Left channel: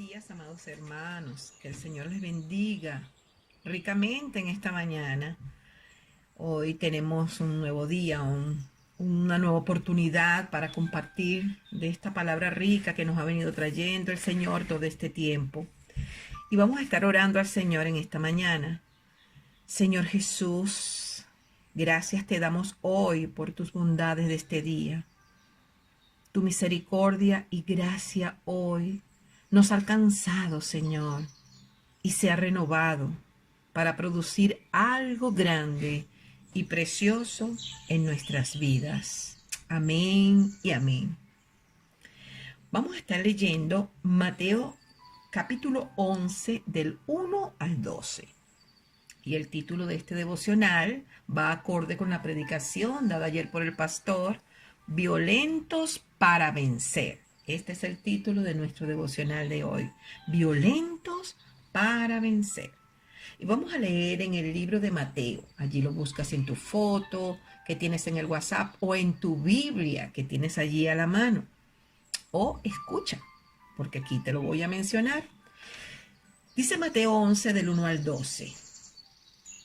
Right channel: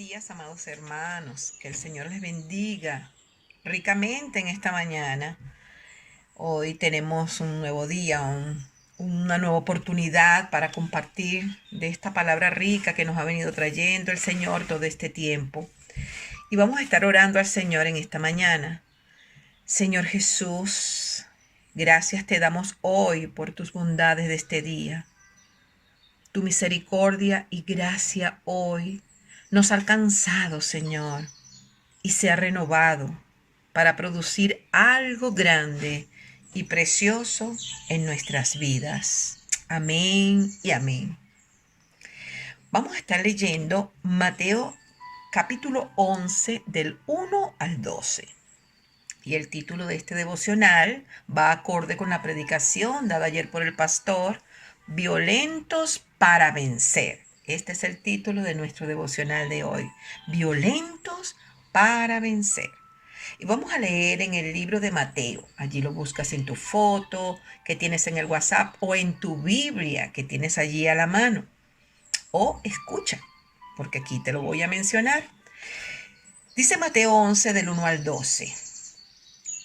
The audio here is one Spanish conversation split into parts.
días, amados hermanos. Que el Señor les bendiga ricamente en esta mañana. Hoy tenemos un nuevo día, una nueva oportunidad para compartir de esta palabra rica que nos ha venido trayendo el Señor todo este tiempo. Y vamos a estar orando al Señor en esta mañana. Señor Jesús, gracias te damos hoy por tus bondades de este día. Tu misericordia y gracia hoy nos ha alcanzado, Señor, y se ha renovado para producir algo grande y precioso en nuestras vidas. Amén y amén. Vamos a estar leyendo Mateo capítulo 11 del 1 al 12. Y el título de este devocional va acorde con la predicación dada ayer por el pastor: Violentos para vencer. Este es el título de nuestro devocional de hoy. Violentos para vencer. Y vamos a leer en el libro de Mateo. Allí lo buscas en tu foto que tienes en el WhatsApp o en tu Biblia que tienes allí a la mano. O escucha, porque aquí te lo voy a mencionar. Dice Mateo 11 del 1 al 12.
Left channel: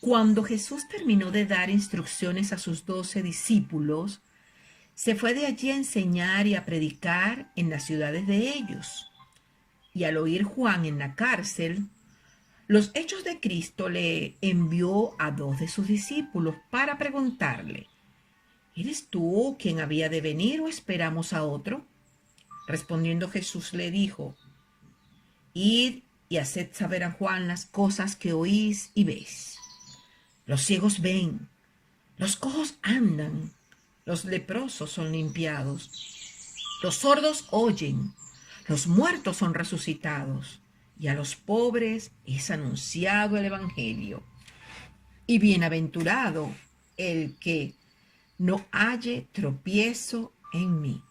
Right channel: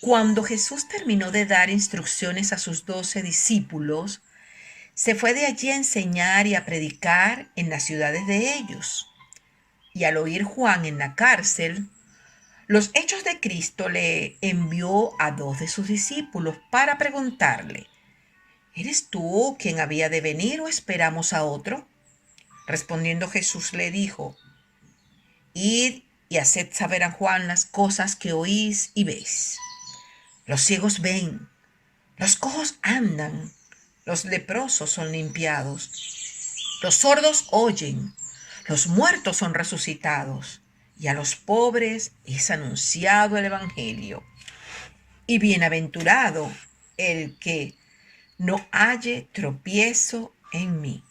Cuando Jesús terminó de dar instrucciones a sus 12 discípulos, se fue de allí a enseñar y a predicar en las ciudades de ellos. Y al oír Juan en la cárcel los hechos de Cristo, le envió a 2 de sus discípulos para preguntarle: ¿eres tú quien había de venir o esperamos a otro? Respondiendo Jesús le dijo: id y haced saber a Juan las cosas que oís y veis. Los ciegos ven, los cojos andan, los leprosos son limpiados, los sordos oyen, los muertos son resucitados, y a los pobres es anunciado el Evangelio. Y bienaventurado el que no halle tropiezo en mí.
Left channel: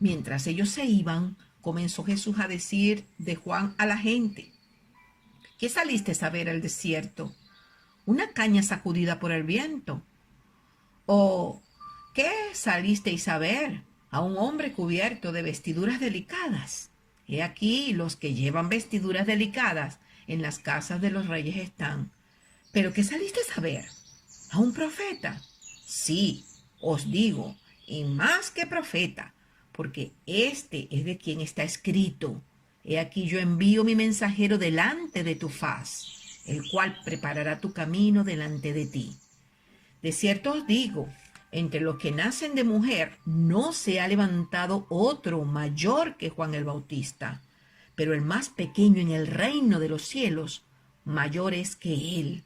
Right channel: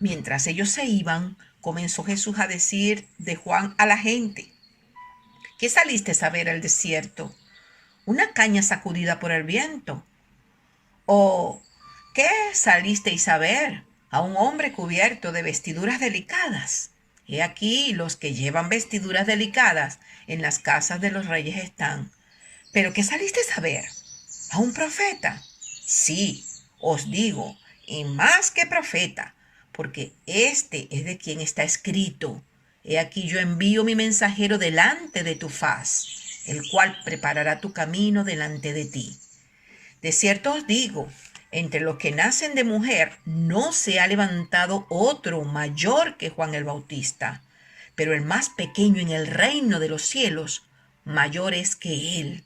Mientras ellos se iban, comenzó Jesús a decir de Juan a la gente: ¿qué saliste a ver al desierto? ¿Una caña sacudida por el viento? ¿O qué salisteis a ver? ¿A un hombre cubierto de vestiduras delicadas? He aquí los que llevan vestiduras delicadas en las casas de los reyes están. ¿Pero qué saliste a ver? ¿A un profeta? Sí, os digo, y más que profeta, porque este es de quien está escrito: he aquí yo envío mi mensajero delante de tu faz, el cual preparará tu camino delante de ti. De cierto os digo, entre los que nacen de mujer no se ha levantado otro mayor que Juan el Bautista, pero el más pequeño en el reino de los cielos mayor es que él.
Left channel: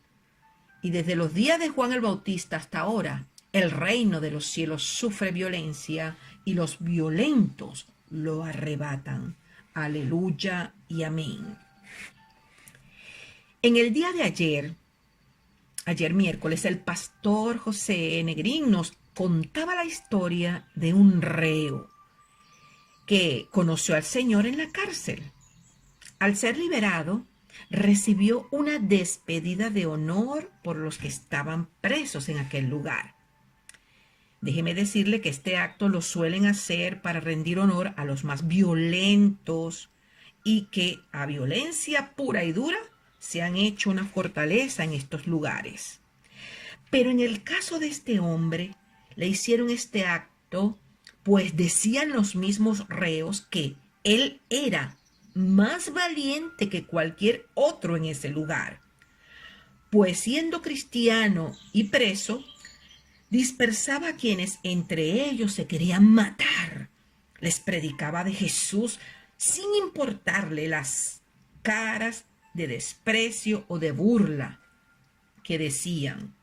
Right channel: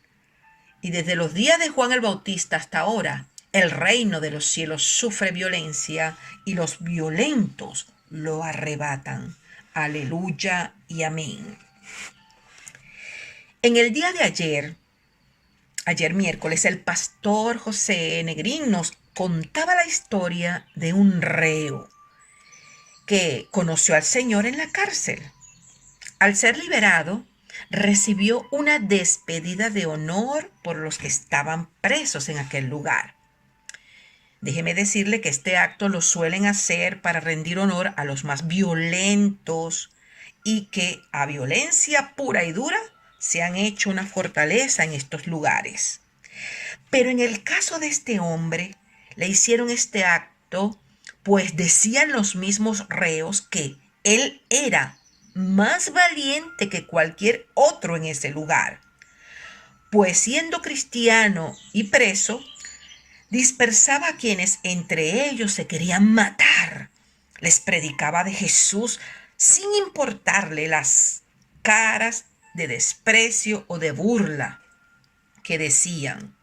Y desde los días de Juan el Bautista hasta ahora, el reino de los cielos sufre violencia y los violentos lo arrebatan. Aleluya y amén. En el día de ayer miércoles, el pastor José Negrín nos contaba la historia de un reo que conoció al Señor en la cárcel. Al ser liberado, recibió una despedida de honor por los que estaban presos en aquel lugar. Déjeme decirle que este acto lo suelen hacer para rendir honor a los más violentos y que a violencia pura y dura se han hecho una fortaleza en estos lugares. Pero en el caso de este hombre, le hicieron este acto, pues decían los mismos reos que él era más valiente que cualquier otro en ese lugar, pues siendo cristiano y preso, dispersaba a quienes entre ellos se querían matar. Les predicaba de Jesús sin importarle las caras de desprecio o de burla que decían.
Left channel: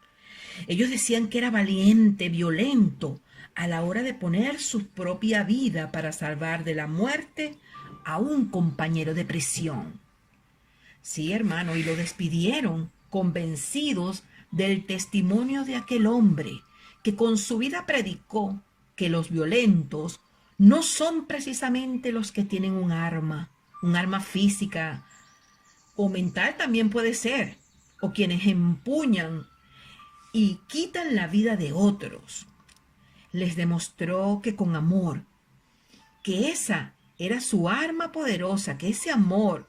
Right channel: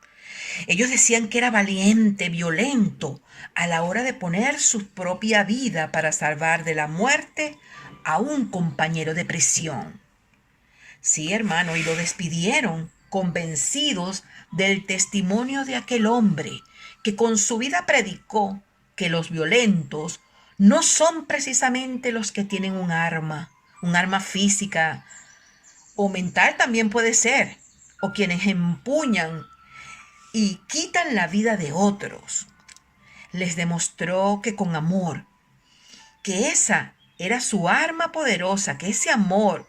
Ellos decían que era valiente, violento, a la hora de poner su propia vida para salvar de la muerte a un compañero de prisión. Sí, hermano, y lo despidieron, convencidos del testimonio de aquel hombre que con su vida predicó que los violentos no son precisamente los que tienen un arma física o mental también puede ser, o quienes empuñan y quitan la vida de otros. Les demostró que con amor, que esa era su arma poderosa, que ese amor,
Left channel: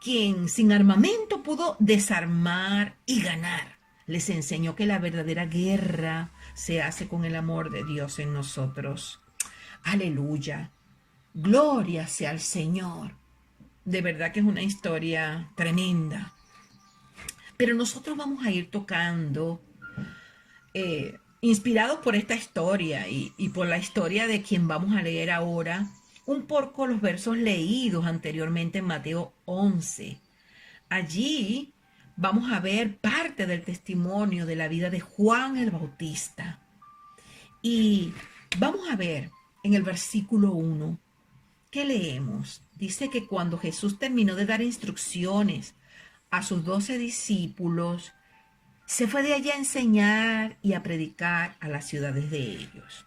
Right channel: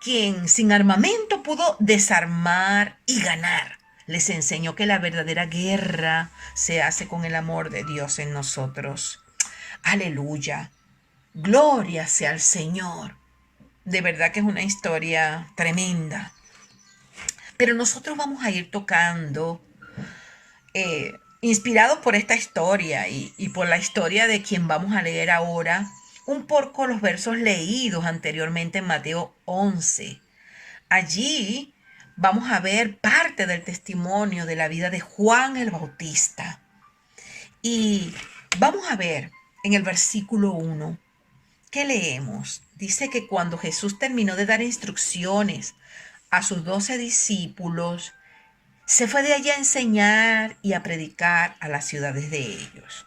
quien sin armamento pudo desarmar y ganar. Les enseñó que la verdadera guerra se hace con el amor de Dios en nosotros. Aleluya. Gloria sea al Señor. De verdad que es una historia tremenda. Pero nosotros vamos a ir tocando, inspirados por esta historia y por la historia de quien vamos a leer ahora, un poco los versos leídos anteriormente en Mateo 11. Allí vamos a ver parte del testimonio de la vida de Juan el Bautista. Y vamos a ver en el versículo 1, ¿qué leemos? Dice que cuando Jesús terminó de dar instrucciones a sus 12 discípulos, se fue de allá a enseñar y a predicar a las ciudades de ellos.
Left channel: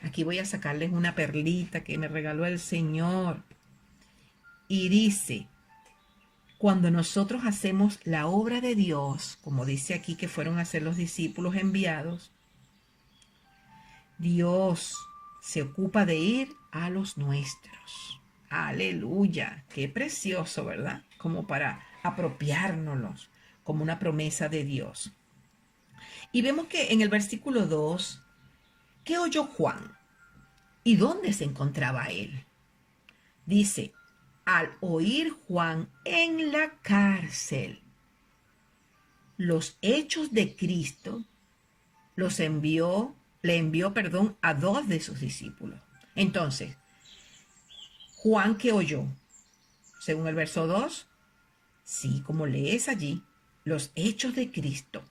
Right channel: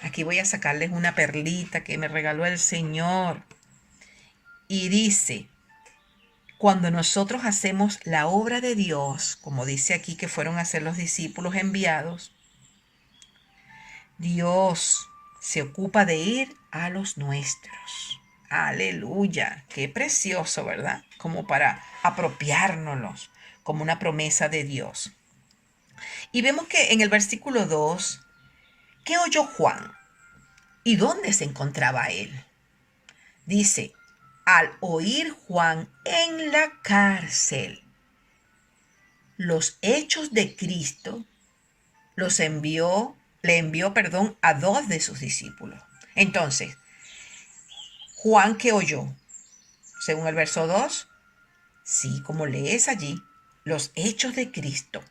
Aquí voy a sacarles una perlita que me regaló el Señor. Y dice, cuando nosotros hacemos la obra de Dios, como dice aquí que fueron a hacer los discípulos enviados, Dios se ocupa de ir a los nuestros. Aleluya, qué precioso, ¿verdad? Como para apropiárnoslos, como una promesa de Dios. Y vemos que en el versículo 2, ¿qué oyó Juan? ¿Y dónde se encontraba él? Dice, al oír Juan en la cárcel los hechos de Cristo, le envió, a 2 de sus discípulos. Entonces, Juan, ¿qué oyó? Según el verso 2, sí, como lees allí, los hechos de Cristo.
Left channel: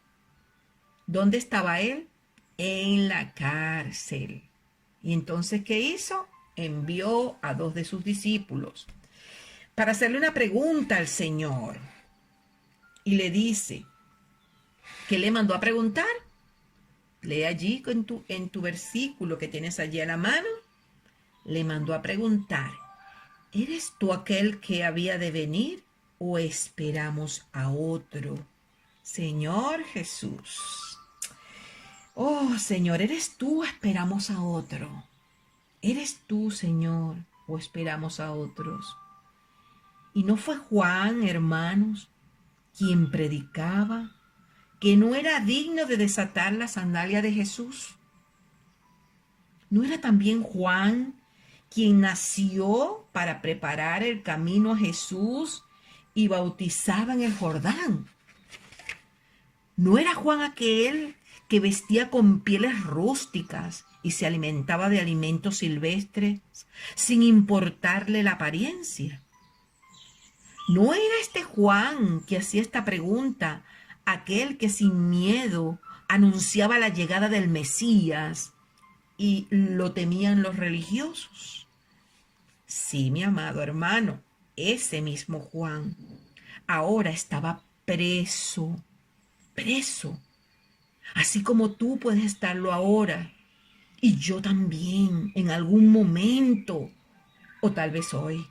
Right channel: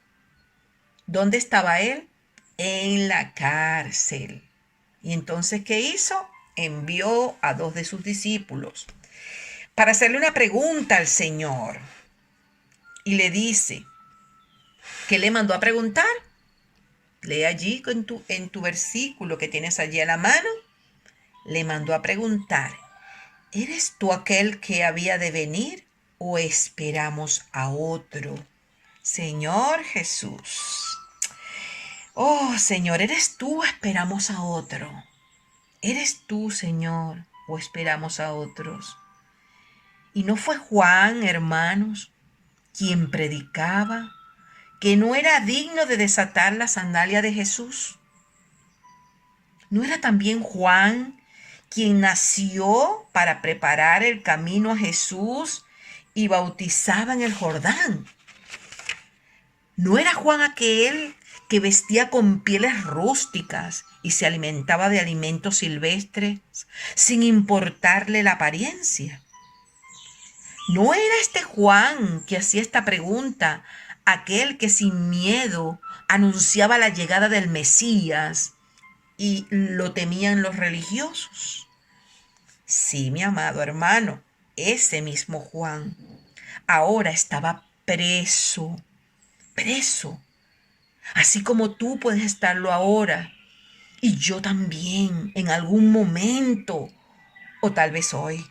¿Dónde estaba él? En la cárcel. Y entonces, ¿qué hizo? Envió a 2 de sus discípulos para hacerle una pregunta al Señor. Y le dice, ¿qué le mandó a preguntar? Lee allí en tu versículo que tienes allí a la mano. Le mandó a preguntar, ¿eres tú aquel que había de venir o esperamos a otro? Señor Jesús. Oh, Señor, ¿eres tú o esperamos a otro? ¿Eres tú, Señor, o esperamos a otros? Y no fue Juan, hermanos, quien predicaba que no era digno de desatar la sandalia de Jesús. ¿No era también Juan quien nació para preparar el camino a Jesús y bautizaba en el Jordán? ¿No era Juan aquel que vestía con pieles rústicas y se alimentaba de alimentos silvestres sin importarle la apariencia? ¿No era este Juan que hacía esta pregunta, aquel que sin miedo anunciaba la llegada del Mesías y lo temían los religiosos? Sí, mi amado hermano, ese mismo Juan ahora estaba preso, así como tú puedes estarlo ahora y yo también en algún momento o tal vez hoy.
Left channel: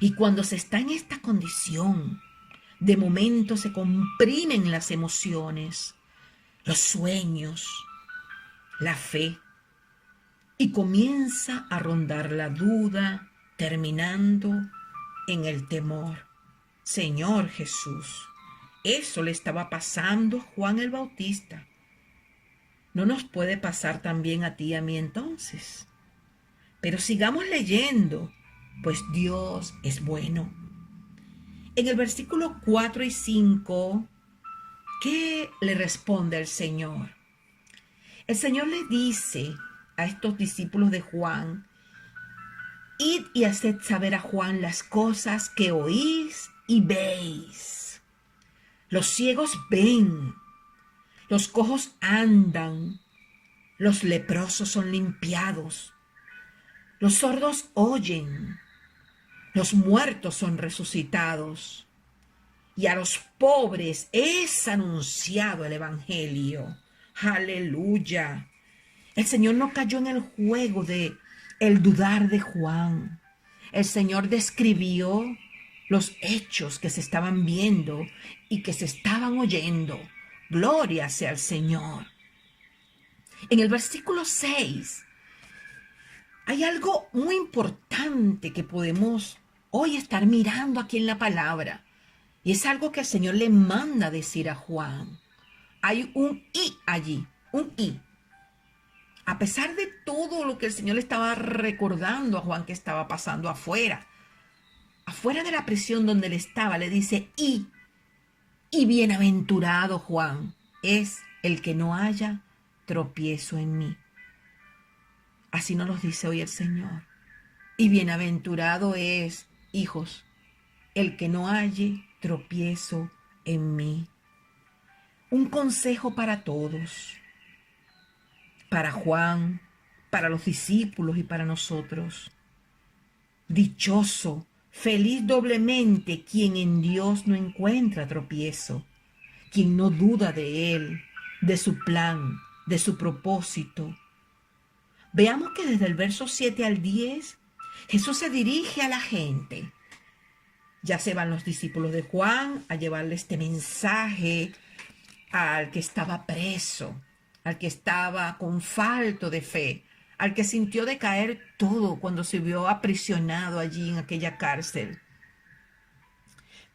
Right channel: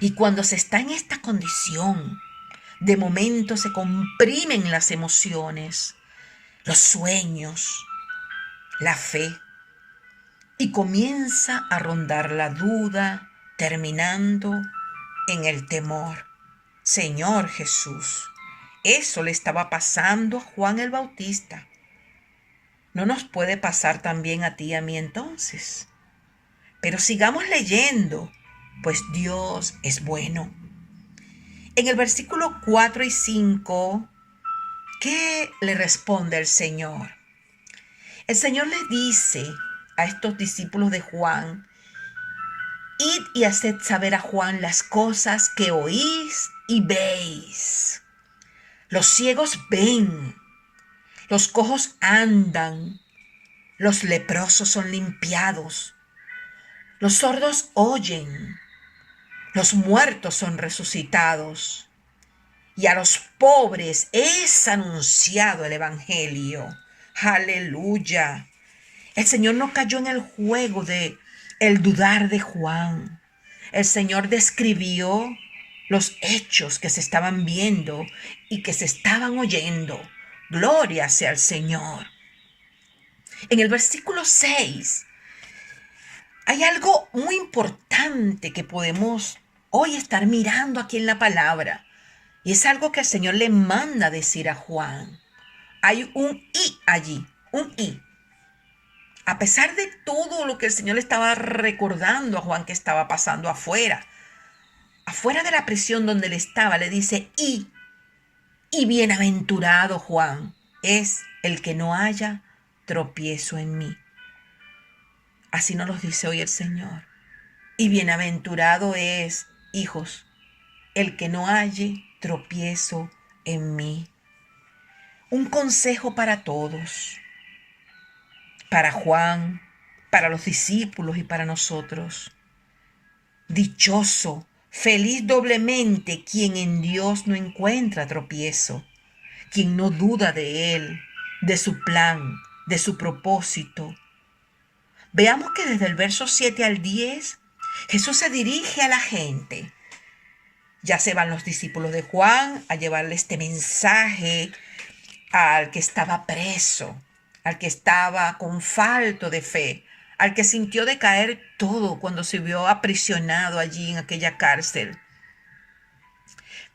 Y cuando se está en esta condición, de momento se comprimen las emociones, los sueños, la fe, y comienza a rondar la duda, terminando en el temor. Señor Jesús, eso le estaba pasando a Juan el Bautista. ¿No nos puede pasar también a ti y a mí entonces? Pero sigamos leyendo, pues Dios es bueno. En el versículo 4 y 5, ¿qué le responde el Señor? El Señor le dice a estos discípulos de Juan, id y haced saber a Juan las cosas que oís y veis. Los ciegos ven, los cojos andan, los leprosos son limpiados, los sordos oyen, los muertos son resucitados, y a los pobres es anunciado el Evangelio. Aleluya. El Señor no cayó en el juego de el dudar de Juan. El Señor describió los hechos que se estaban viendo y que se estaban oyendo. Gloria sea al Señor. En el versículo 6 Hay algo muy importante que podemos hoy estar mirando aquí en la palabra. Y es algo que el Señor le manda decir a Juan. Hay un y allí, un y. A pesar de todo lo que el Señor le estaba recordando a Juan que estaba pasando afuera, afuera de la prisión donde él estaba, le dice y bienaventurado Juan es el que no haya tropiezo en mí. Así nos lo dice hoy el Señor. Y bienaventurado es, hijos, el que no halle tropiezo en mí. Un consejo para todos, para Juan, para los discípulos y para nosotros. Dichoso, feliz doblemente quien en Dios no encuentra tropiezo, quien no duda de Él, de su plan, de su propósito. Veamos que desde el verso 7 al 10, Jesús se dirige a la gente. Ya se van los discípulos de Juan a llevarle este mensaje al que estaba preso, al que estaba con falto de fe, al que sintió decaer todo cuando se vio aprisionado allí en aquella cárcel.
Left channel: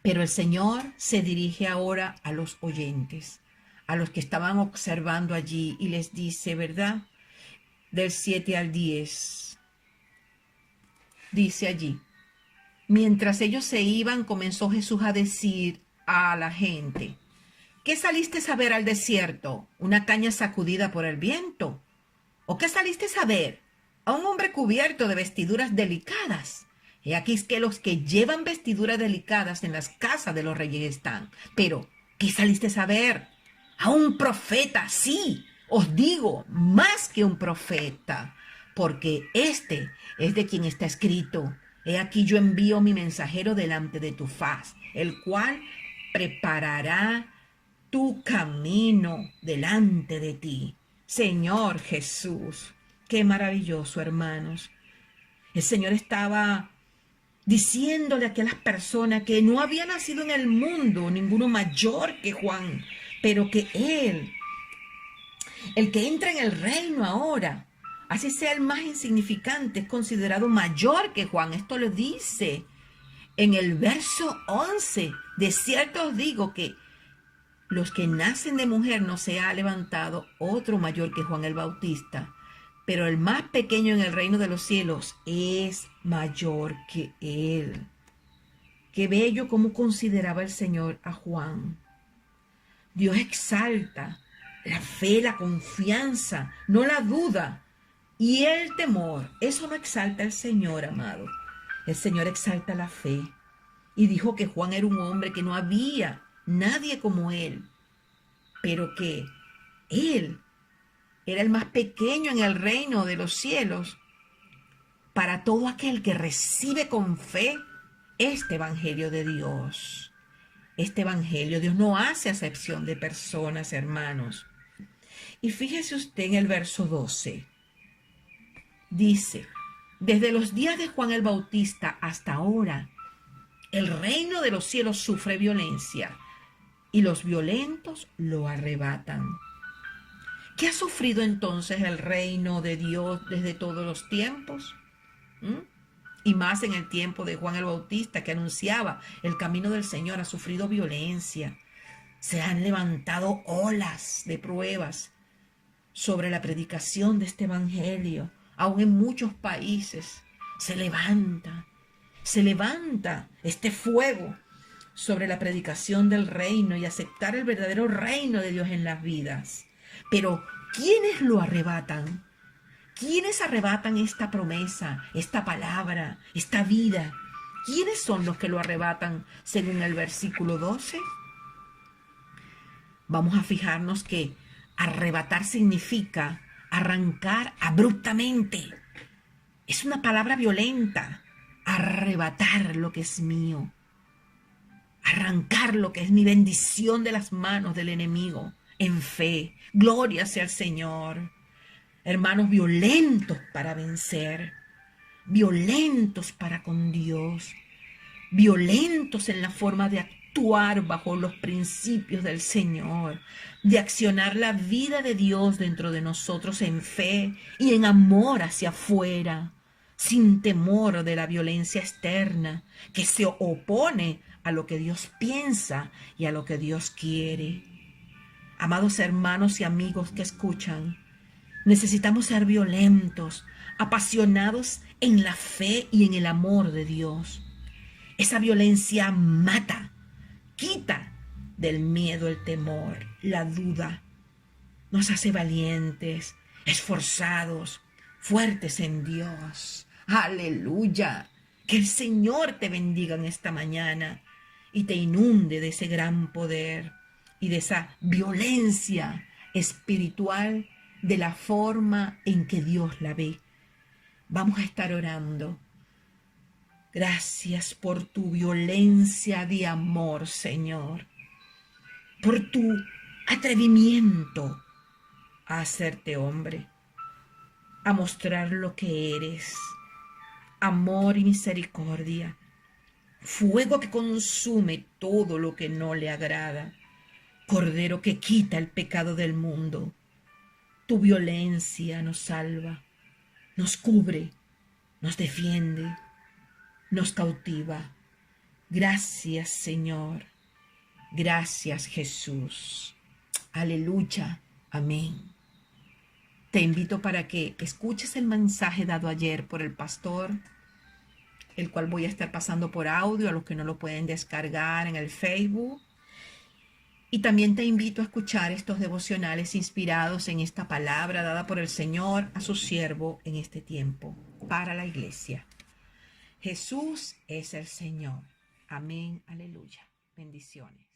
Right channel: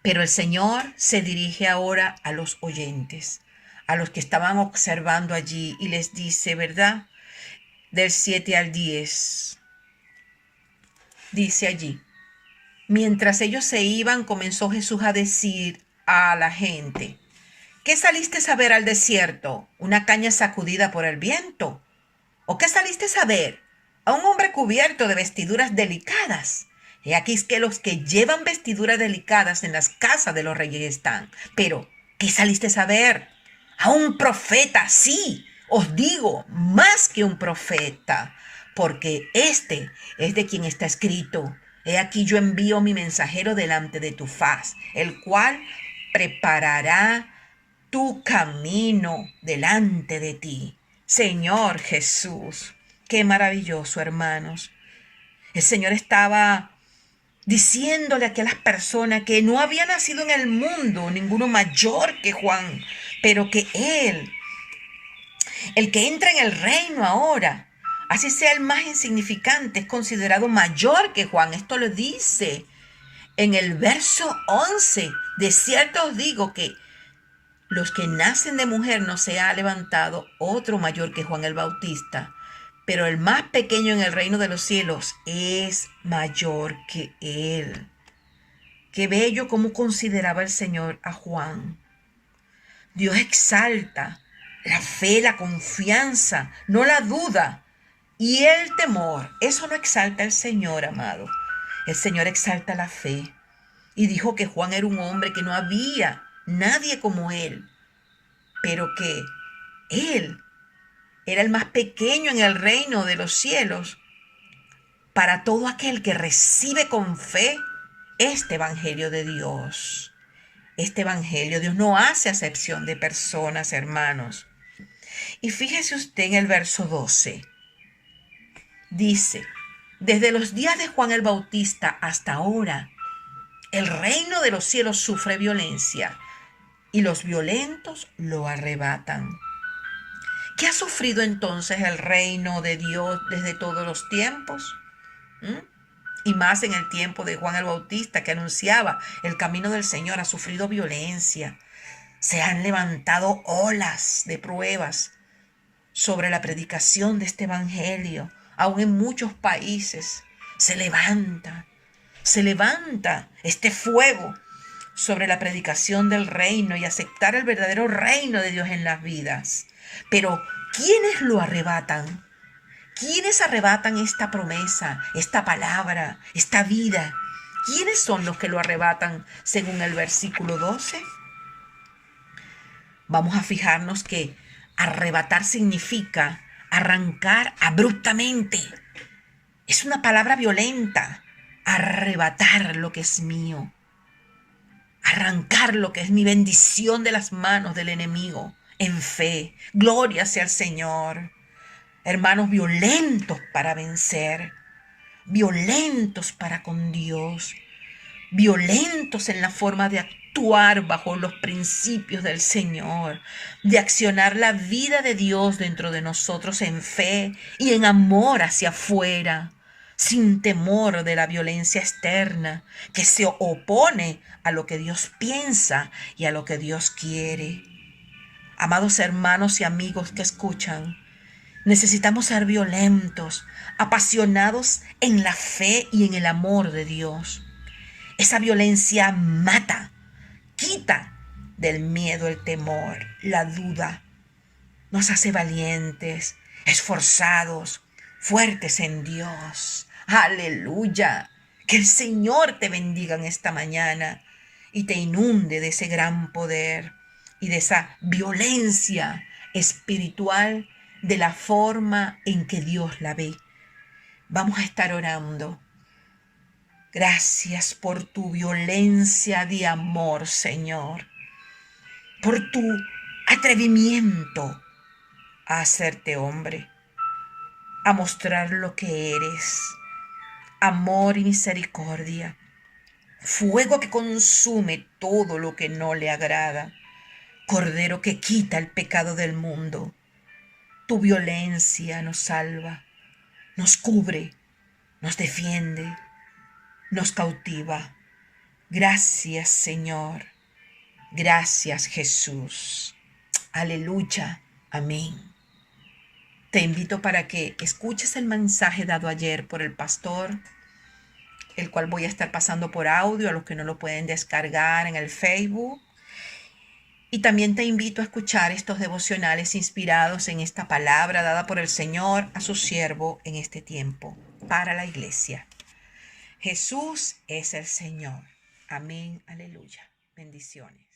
Pero el Señor se dirige ahora a los oyentes, a los que estaban observando allí y les dice, ¿verdad? Del 7 al 10, dice allí, mientras ellos se iban, comenzó Jesús a decir a la gente, ¿qué saliste a ver al desierto? ¿Una caña sacudida por el viento? ¿O qué saliste a ver? ¿A un hombre cubierto de vestiduras delicadas? He aquí es que los que llevan vestiduras delicadas en las casas de los reyes están. Pero, ¿qué saliste a ver? A un profeta, sí, os digo, más que un profeta, porque este es de quien está escrito. He aquí yo envío mi mensajero delante de tu faz, el cual preparará tu camino delante de ti. Señor Jesús, qué maravilloso, hermanos. El Señor estaba diciéndole a aquellas personas que no había nacido en el mundo ninguno mayor que Juan, pero que Él, el que entra en el reino ahora, así sea el más insignificante, es considerado mayor que Juan. Esto lo dice en el verso 11. De cierto os digo que los que nacen de mujer no se ha levantado otro mayor que Juan el Bautista, pero el más pequeño en el reino de los cielos es mayor que él. Qué bello cómo consideraba el Señor a Juan. Dios exalta la fe, la confianza, no la duda y el temor. Eso no exalta el Señor, amado. El Señor exalta la fe. Y dijo que Juan era un hombre que no había nadie como él, pero que él era el más pequeño en el reino de los cielos para todo aquel que recibe con fe este evangelio de Dios. Este evangelio, Dios no hace acepción de personas, hermanos. Y fíjese usted en el verso 12. Dice, desde los días de Juan el Bautista hasta ahora, el reino de los cielos sufre violencia y los violentos lo arrebatan. ¿Qué ha sufrido entonces el reino de Dios desde todos los tiempos? Y más en el tiempo de Juan el Bautista, que anunciaba el camino del Señor, ha sufrido violencia. Se han levantado olas de pruebas sobre la predicación de este evangelio. Aún en muchos países se levanta este fuego sobre la predicación del reino y aceptar el verdadero reino de Dios en las vidas. Pero, ¿quiénes lo arrebatan? ¿Quiénes arrebatan esta promesa, esta palabra, esta vida? ¿Quiénes son los que lo arrebatan según el versículo 12? Vamos a fijarnos que arrebatar significa arrancar abruptamente. Es una palabra violenta. Arrebatar lo que es mío. Arrancar lo que es mi bendición de las manos del enemigo en fe. Gloria sea al Señor. Hermanos, violentos para vencer, violentos para con Dios, violentos en la forma de actuar bajo los principios del Señor, de accionar la vida de Dios dentro de nosotros en fe y en amor hacia afuera. sin temor de la violencia externa que se opone a lo que Dios piensa y a lo que Dios quiere. Amados hermanos y amigos que escuchan, necesitamos ser violentos, apasionados en la fe y en el amor de Dios. Esa violencia mata, quita del miedo el temor, la duda. Nos hace valientes, esforzados, fuertes en Dios. Aleluya. Que el Señor te bendiga en esta mañana y te inunde de ese gran poder y de esa violencia espiritual de la forma en que Dios la ve. Vamos a estar orando. Gracias por tu violencia de amor, Señor, por tu atrevimiento a hacerte hombre, a mostrar lo que eres, amor y misericordia, fuego que consume todo lo que no le agrada, cordero que quita el pecado del mundo. Tu violencia nos salva, nos cubre, nos defiende, nos cautiva. Gracias, Señor. Gracias, Jesús. Aleluya. Amén. Te invito para que escuches el mensaje dado ayer por el pastor, el cual voy a estar pasando por audio a los que no lo pueden descargar en el Facebook. Y también te invito a escuchar estos devocionales inspirados en esta palabra dada por el Señor a su siervo en este tiempo para la iglesia. Jesús es el Señor. Amén. Aleluya. Bendiciones.